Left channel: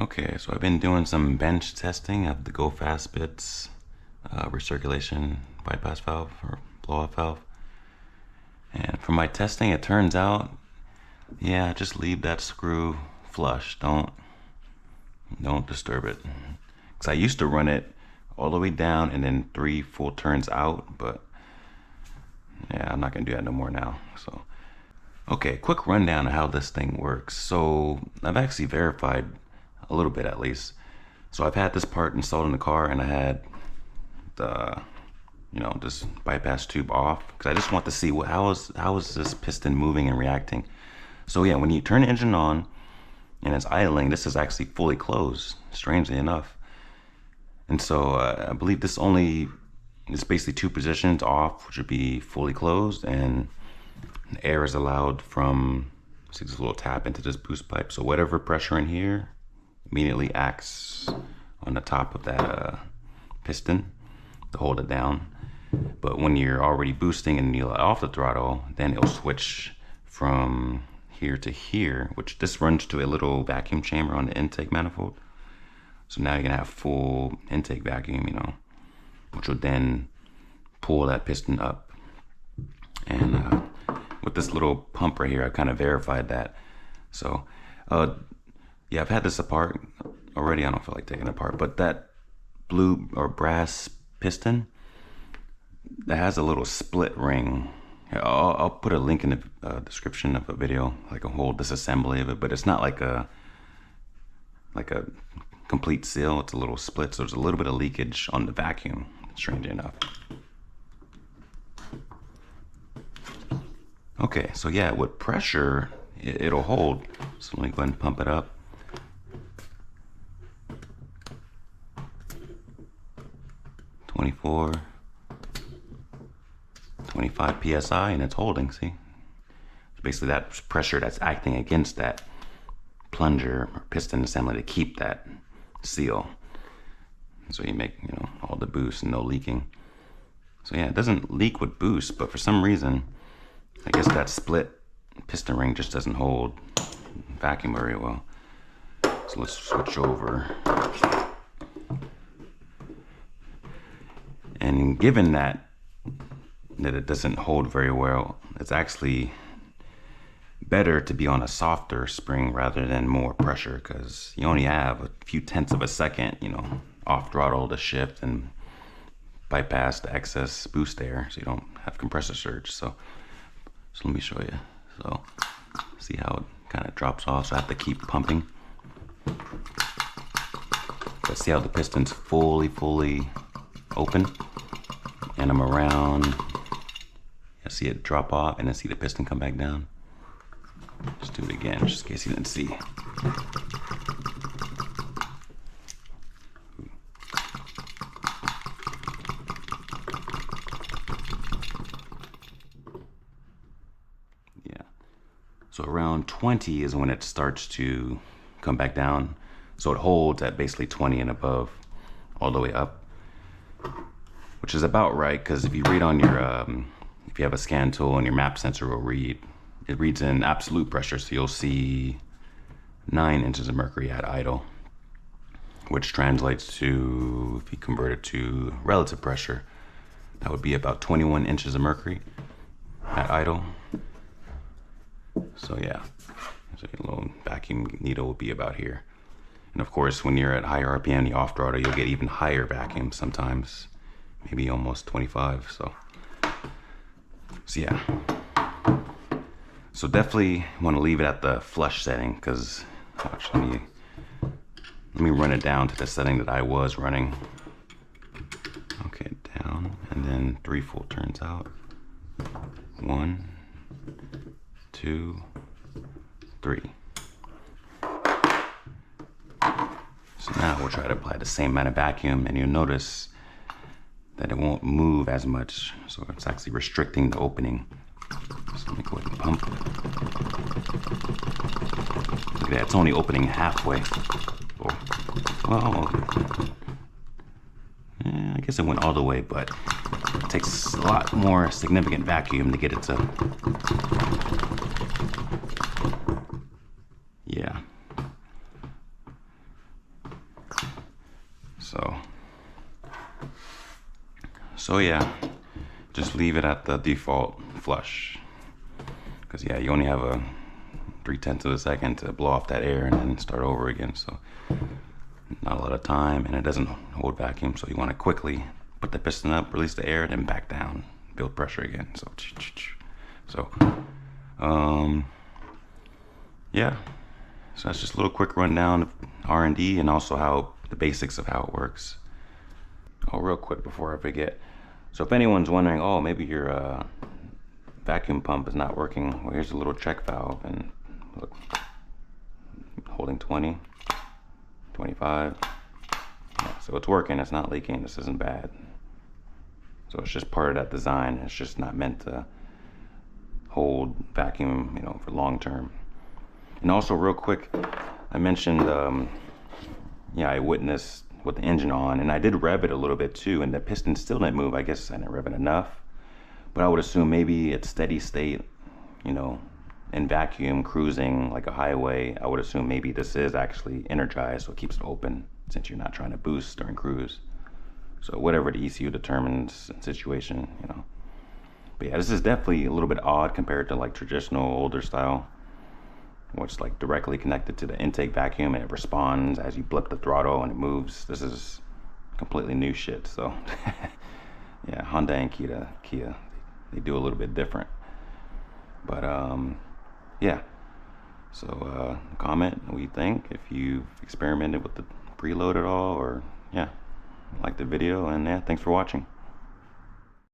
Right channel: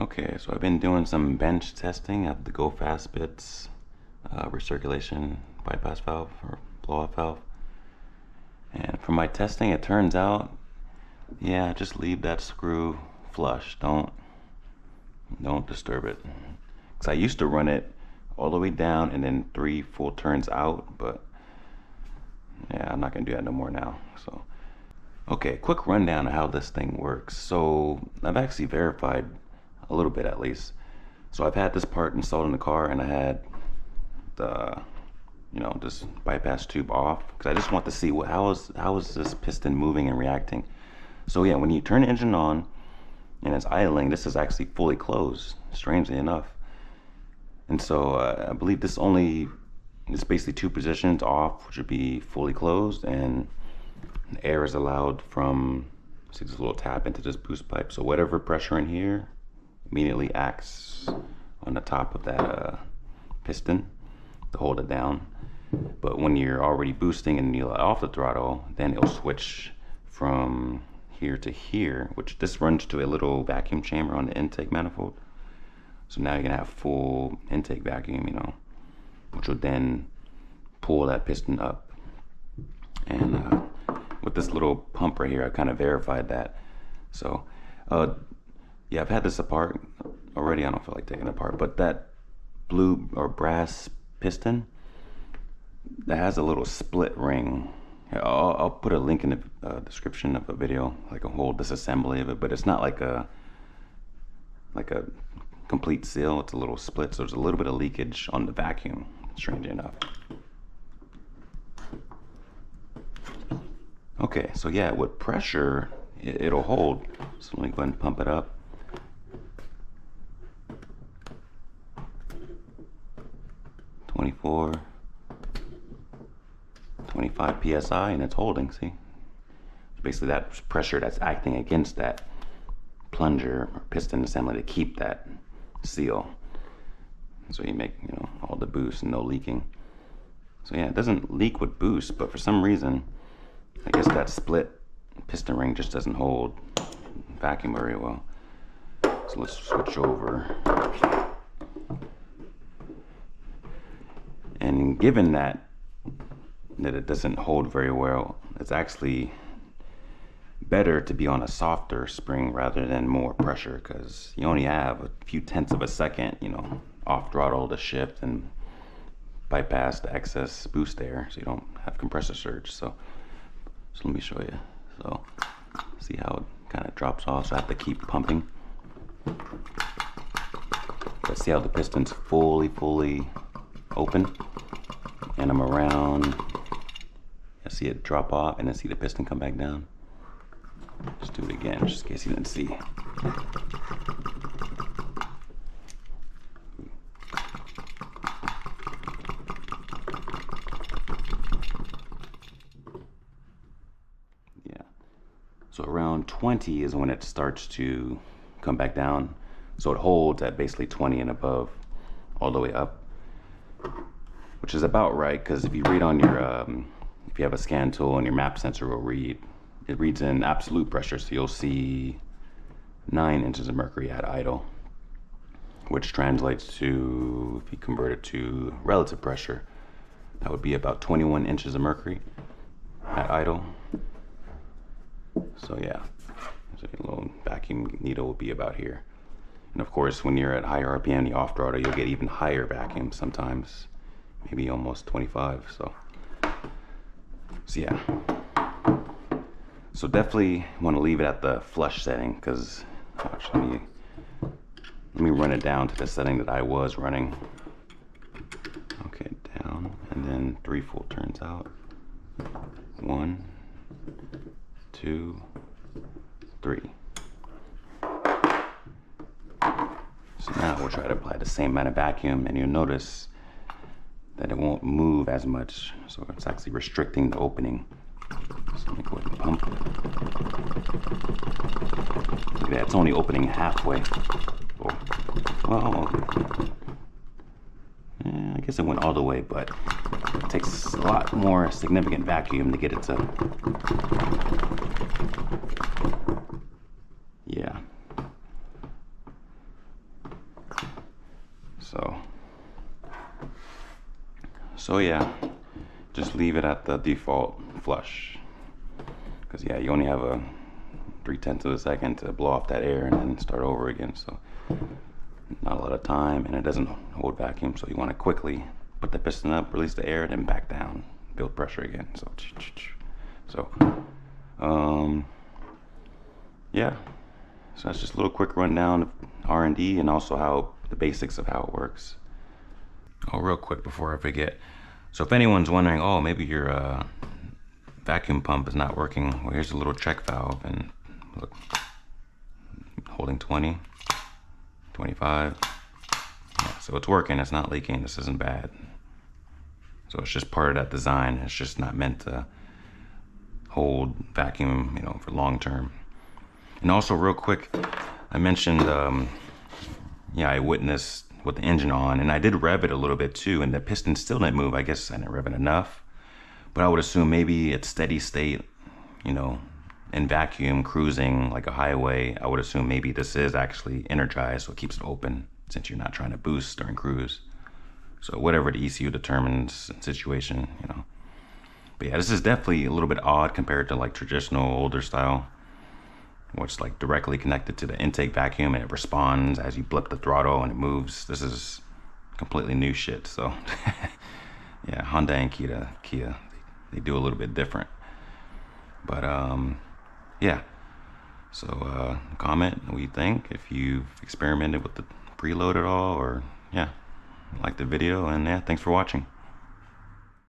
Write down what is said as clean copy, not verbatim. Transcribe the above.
Okay, so I've been doing some bench testing of the GoFastBits Recirculation Bypass valve or blow-off valve. And from my testing, it turns out, yeah, just leave that screw flush. Don't disturb it. Because I used to run it all the way down and then 3 full turns out, but yeah, I'm not gonna do that no more now. So, okay, quick rundown of how this thing works. So I've actually verified a little bit at least. So I've had this part installed in the car, and I had the, this bypass tube off because I just want to see how is this piston moving and reacting. So yeah, when you turn the engine on and it's idling, this is actually fully closed, strangely enough. And so I believe this only is basically 2 positions off, which would be fully closed, and air is allowed from, see this little tap into this boost pipe. So whatever pressure in here immediately acts on the top of that piston to hold it down. But when you're already boosting and you let off the throttle, then it'll switch from here to here, which this runs to a little vacuum chamber on the intake manifold. So now you're gonna have full intake vacuum, which will then pull that piston up. And with this little pump right here, I kind of verified that. So yeah, I've had this apart already. I don't feel like taking it apart, but that blue or brass piston that has a little split ring. I'll put a link in the description of a video, like a whole disassembly of it, but it's not like a complete seal. It's a little split, so there's a little bit of leakage on the vacuum, strangely enough. Okay, so yeah, with pressure, it'll hold. So let me go ahead and pump it up. (24, 25 psi, and it's holding. See, so basically that pressure that's acting against that plunger or piston assembly to keep that seal. So you make all the boost and no leaking. So yeah, it doesn't leak with boost, but for some reason, I guess that split piston ring just doesn't hold vacuum very well. So let's switch over. And given that it doesn't hold very well, it's actually better to be on a softer spring rather than more pressure, because you only have a few tenths of a second, off throttle to shift and bypass the excess boost air, so you don't have compressor surge. So let me show you. So see how it kind of drops off. So I have to keep pumping. But see how the piston's fully open, and I'm around. I see it drop off and then see the piston come back down. Just do it again, just in case you didn't see. Yeah. So around 20 is when it starts to come back down. So it holds at basically 20 and above all the way up, which is about right, because if you read on your, if you have a scan tool and your map sensor will read, it reads in absolute pressure, so you'll see 9 inches of mercury at idle, which translates to, if you convert it to relative pressure, that would be about 21 inches of mercury at idle. So yeah, so a little vacuum needle will be about here. And of course, when you're at higher RPM, the off throttle, you'll get even higher vacuum sometimes, maybe almost 25. So yeah. So definitely want to leave it at the flush setting, because actually, let me run it down to the setting that I was running. Okay, down, and then 3 full turns out. 1, 2, 3. So now we'll try to apply the same amount of vacuum, and you'll notice that it won't move as much. So it's actually restricting the opening. So let me go ahead and pump. Look at that, it's only opening halfway. Oh, well, yeah, I guess it went all the way, but it takes a lot more significant vacuum to get it to, yeah. So yeah, just leave it at the default flush, because yeah, you only have a 3/10 of a second to blow off that air and then start over again. So not a lot of time, and it doesn't hold vacuum, so you want to quickly put the piston up, release the air, then back down, build pressure again. So yeah, so that's just a little quick rundown of R&D and also how the basics of how it works. Oh, real quick before I forget, so if anyone's wondering, oh, maybe your vacuum pump is not working, well, here's a little check valve, and look, holding 20, 25. Yeah, so it's working, it's not leaking, this isn't bad. So it's just part of that design. It's just not meant to hold vacuum, you know, for long term. And also real quick, I mentioned, yeah, I witnessed with the engine on, and I did rev it a little bit too, and the piston still didn't move. I guess I didn't rev it enough, but I would assume maybe it's steady state, you know, in vacuum cruising like a highway. I would assume maybe this is actually energized, so it keeps it open since you're not trying to boost during cruise. So whatever the ECU determines situation, you know. But yeah, this is definitely a little bit odd compared to like traditional older style, where it's like directly connected to the intake vacuum and it responds as you blip the throttle and it moves. This is completely new shit. So yeah, Honda and Kia, they do a little bit different. But yeah, so comment what you think, if you've experimented with the preload at all, or yeah, like the video, and yeah, thanks for watching.